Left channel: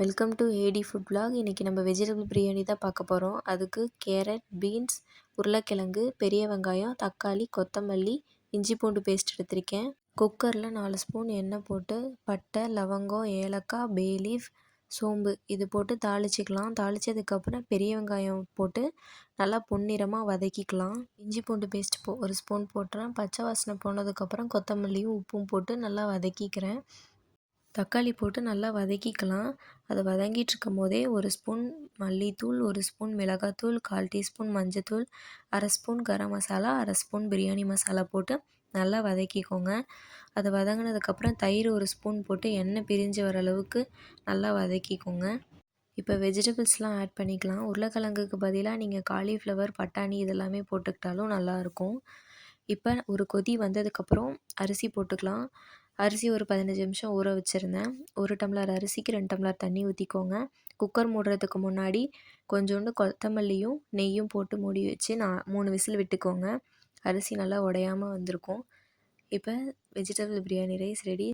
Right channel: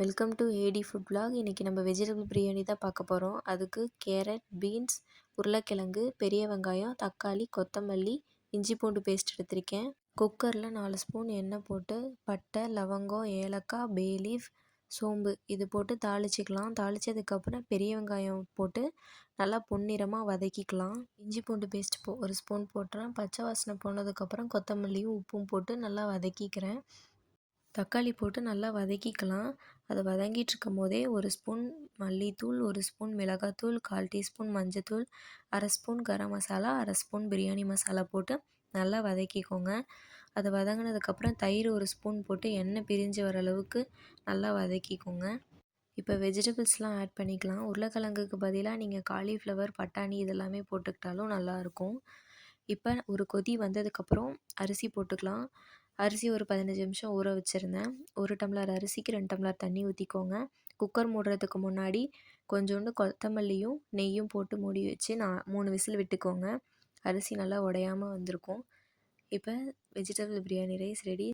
Welcome to A D food vlog. இன்றைக்கி நம்ம vegetable biryani தான் பார்க்க போகிறோம். அதுக்கு கேரட், பீன்ஸ், உருளைக்கிழங்கு, பெரிய வெங்காயம், தக்காளி, கொத்தமல்லி, இஞ்சி பூண்டு பேஸ்ட் எடுத்திருக்கேன். குக்கரில் 4 ஸ்பூன் எண்ணெய் போட்டு பட்டை, லவங்கம், ஏலக்காய், பே லீஃப், சோம்பு இது போட்டு தாளிச்சிக்கலாம். தாளித்ததுக்கப்புறம் பெரிய வெங்காயம் போட்டு நல்லா பொன்னிறமாக வதக்கிக்கலாம். இஞ்சி பூண்டு பேஸ்ட் ஒரு ஸ்பூன் போட்டுறேன். பச்சை வாசனை போனதுக்கப்புறம் கொத்தமல்லியும் உப்பும் போட்டு நல்லா வதக்கிக்கிறேன். தக்காளி போட்டு நல்லா வதக்கிக்கலாம். அது வதங்கிட்டு இருக்கும் போதே 1 ஸ்பூன் மல்லித்தூள், 1 ஸ்பூன் மிளகாத்தூள், 1/4 டீஸ்பூன் மஞ்சத்தூள், 1/2 ஸ்பூன் கரம் மசாலா, 1/2 ஸ்பூன் பிரியாணி மசாலா போட்டு நல்லா வதக்கிக்கோங்க. அது வதங்கினதுக்கப்புறம் தயிர் 1 ஸ்பூன் போட்டு எண்ணெய் பிரிஞ்சு வர அளவுக்கு நல்லா வதக்கிக்கோங்க. இப்போ வெஜிடபிள்ஸ்லாம் ஆட் பண்ணிக்கலாம். உருளைக்கிழங்குக்கு பதிலாக நீங்கள் காலிஃப்ளவர், பட்டாணி இதெல்லாமே போட்டுக்கிட்டாலும் நல்லாயிருக்கும். இப்போ ஒரு கொதி வந்ததுக்கப்புறம் அரிசி போட்டுக்கலாம். அரிசி ஒரு 15 நிமிஷம் ஊற வச்சுருந்தேன். 1 டம்ளர் அரிசிக்கு 2 டம்ளர் தண்ணி ஊற்றிக்கோங்க. குக்கர் மூடுறதுக்கு முன்னாடி கொஞ்சோண்டு கொத்தமல்லியும் நெய்யும் போட்டு மூடி வச்சு 3 விசில் விட்டுக்கோங்க. அரிசி நல்லா உடையாமல் வந்திருக்கும். இப்போ வெஜிடபிள் பிரியாணி ரைஸ் ரெடி.